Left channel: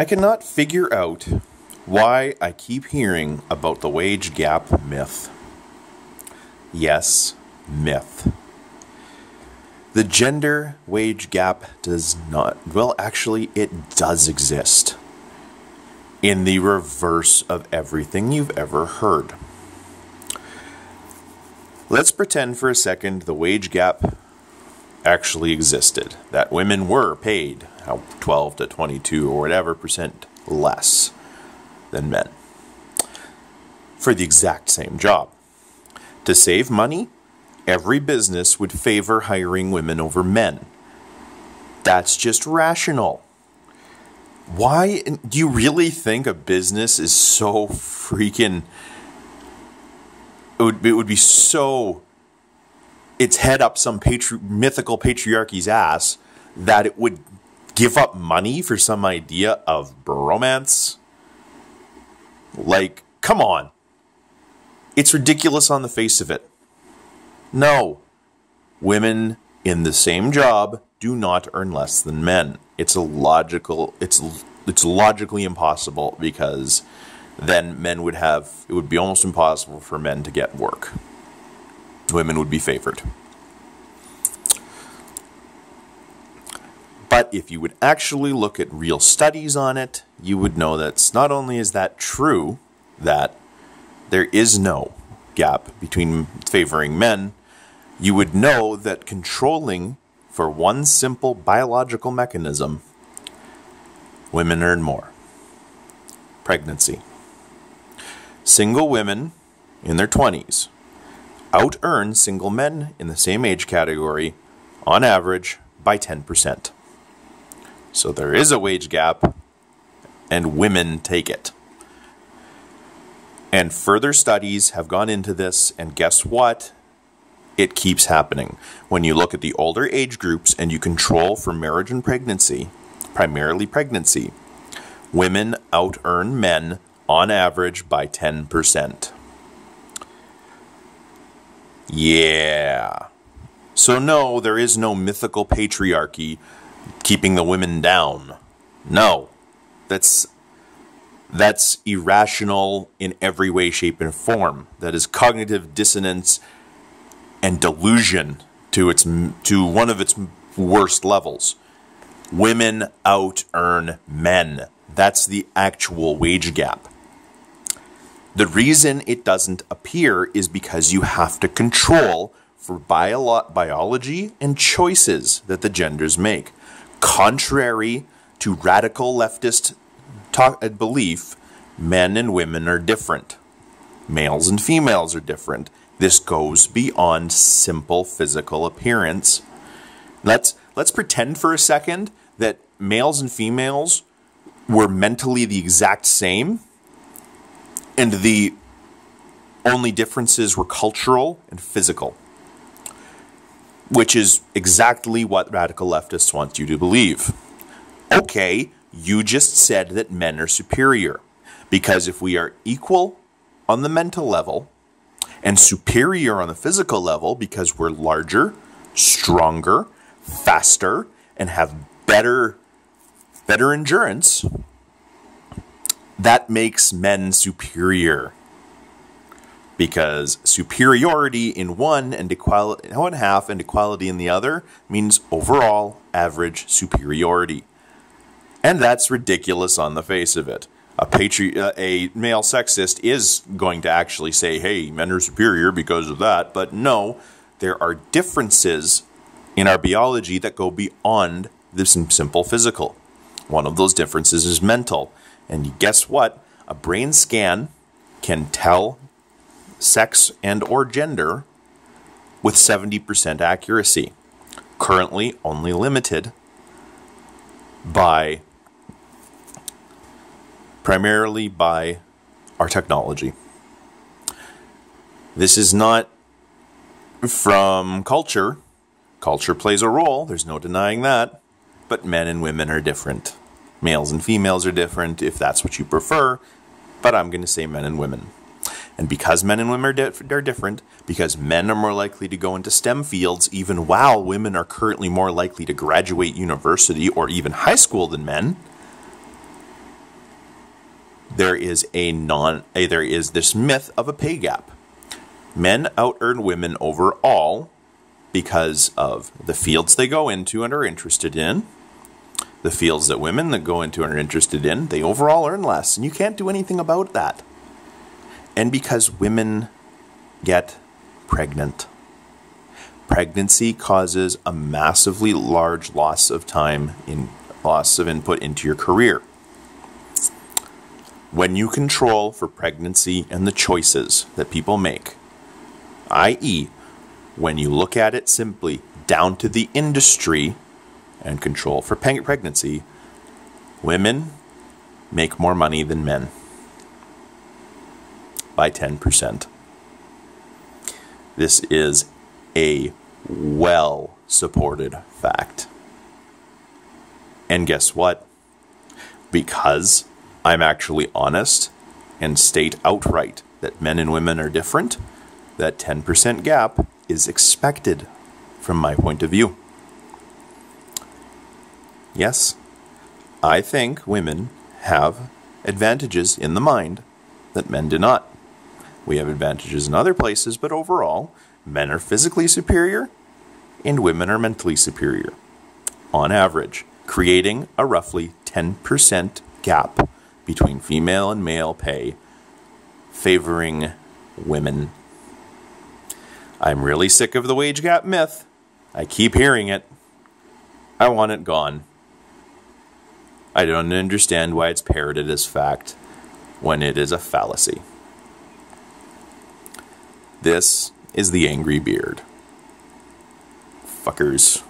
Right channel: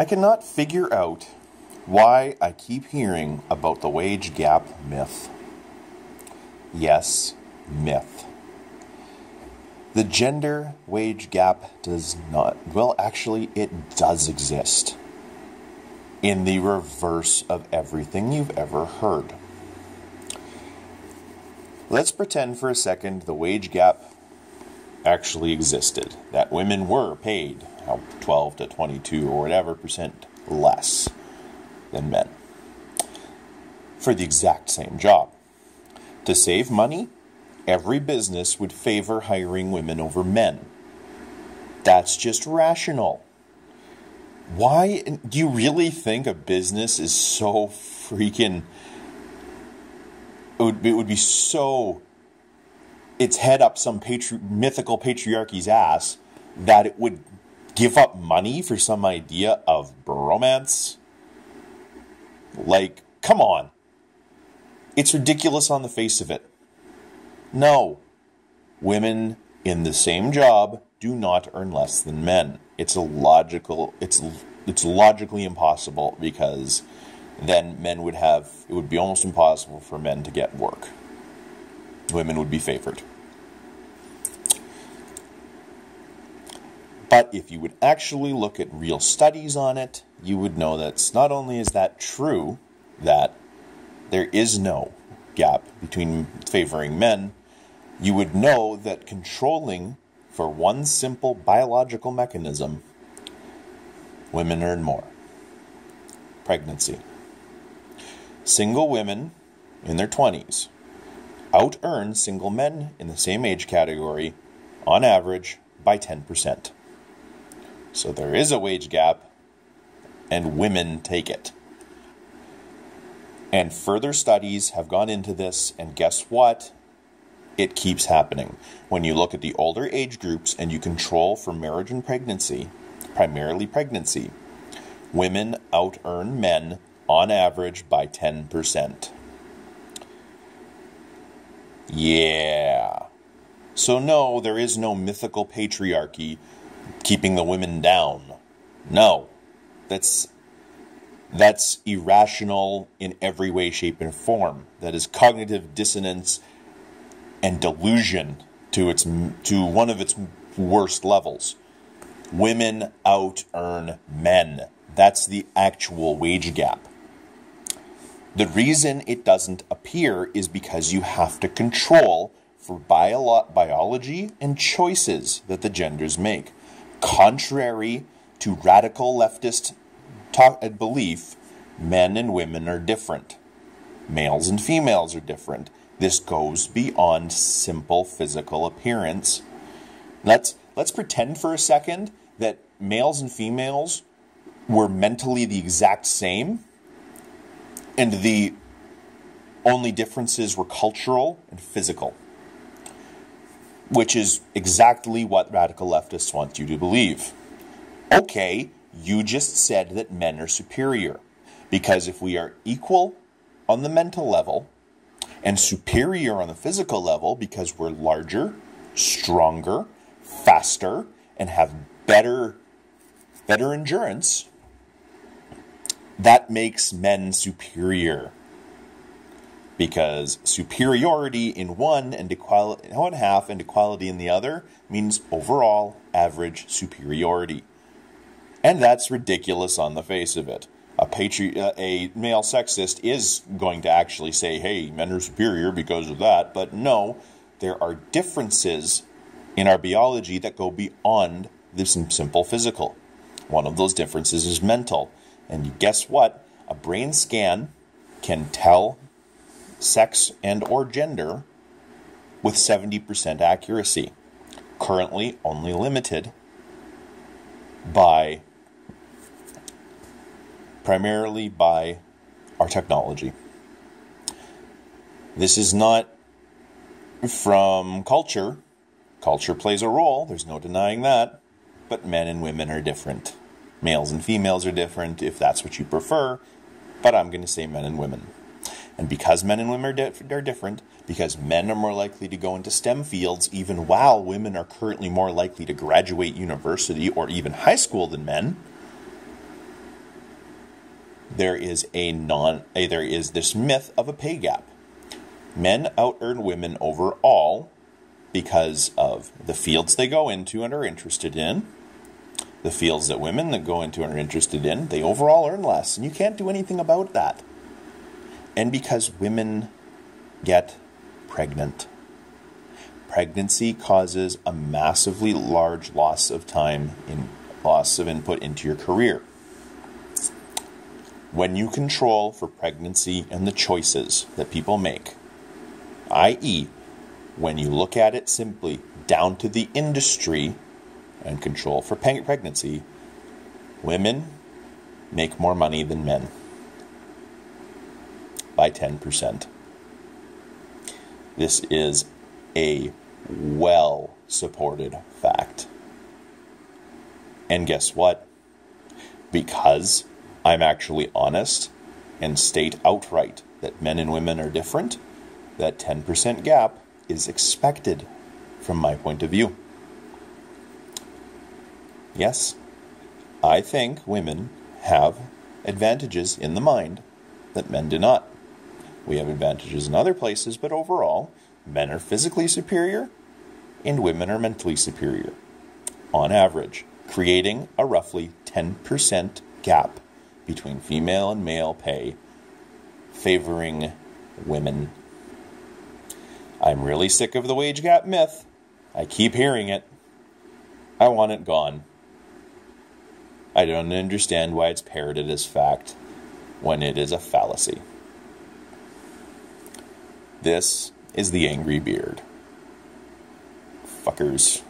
I cannot figure out why I keep hearing about the wage gap myth. Yes, myth. The gender wage gap does not, well, actually, it does exist. In the reverse of everything you've ever heard. Let's pretend for a second the wage gap actually existed, that women were paid 12 to 22 or whatever percent less than men for the exact same job. To save money, every business would favor hiring women over men. That's just rational. Why do you really think a business is so freaking... It would be so... Its head up some mythical patriarchy's ass that it would give up money for some idea of bromance? Like, come on. It's ridiculous on the face of it. No. Women in the same job do not earn less than men. It's logically impossible, because then men would have, it would be almost impossible for men to get work. Women would be favored. But if you would actually look at real studies on it, you would know that not only is that true, that there is no gap between favoring men, you would know that controlling for one simple biological mechanism, women earn more. Pregnancy. Single women in their 20s out-earn single men in the same age category, on average, by 10%. So there is a wage gap, and women take it. And further studies have gone into this, and guess what? It keeps happening. When you look at the older age groups and you control for marriage and pregnancy, primarily pregnancy, women out-earn men on average by 10%. Yeah. So no, there is no mythical patriarchy keeping the women down. No. That's irrational in every way, shape, and form. That is cognitive dissonance and delusion to one of its worst levels. Women out-earn men. That's the actual wage gap. The reason it doesn't appear is because you have to control for biology and choices that the genders make. Contrary to radical leftist belief, men and women are different. Males and females are different. This goes beyond simple physical appearance. Let's pretend for a second that males and females were mentally the exact same, and the only differences were cultural and physical, which is exactly what radical leftists want you to believe. Okay, you just said that men are superior, because if we are equal on the mental level and superior on the physical level because we're larger, stronger, faster, and have better endurance, that makes men superior. Because superiority in one half and equality in the other means overall average superiority. And that's ridiculous on the face of it. A male sexist is going to actually say, hey, men are superior because of that. But no, there are differences in our biology that go beyond this simple physical. One of those differences is mental. And guess what? A brain scan can tell sex and or gender with 70% accuracy. Currently only limited primarily by our technology. This is not from culture. Culture plays a role, there's no denying that, but men and women are different. Males and females are different, if that's what you prefer, but I'm going to say men and women. And because men and women are different, because men are more likely to go into STEM fields, even while women are currently more likely to graduate university or even high school than men, there is this myth of a pay gap. Men out-earn women overall because of the fields they go into and are interested in. The fields that women that go into and are interested in, they overall earn less, and you can't do anything about that. And because women get pregnant. Pregnancy causes a massively large loss of input into your career. When you control for pregnancy and the choices that people make, i.e., when you look at it simply down to the industry and control for pregnancy, women make more money than men by 10%. This is a well-supported fact. And guess what? Because I'm actually honest and state outright that men and women are different, that 10% gap is expected from my point of view. Yes, I think women have advantages in the mind that men do not. We have advantages in other places, but overall, men are physically superior and women are mentally superior, on average, creating a roughly 10% gap between female and male pay, favoring women. I'm really sick of the wage gap myth. I keep hearing it. I want it gone. I don't understand why it's parroted as fact when it is a fallacy. This is the Angry Beard. Fuckers.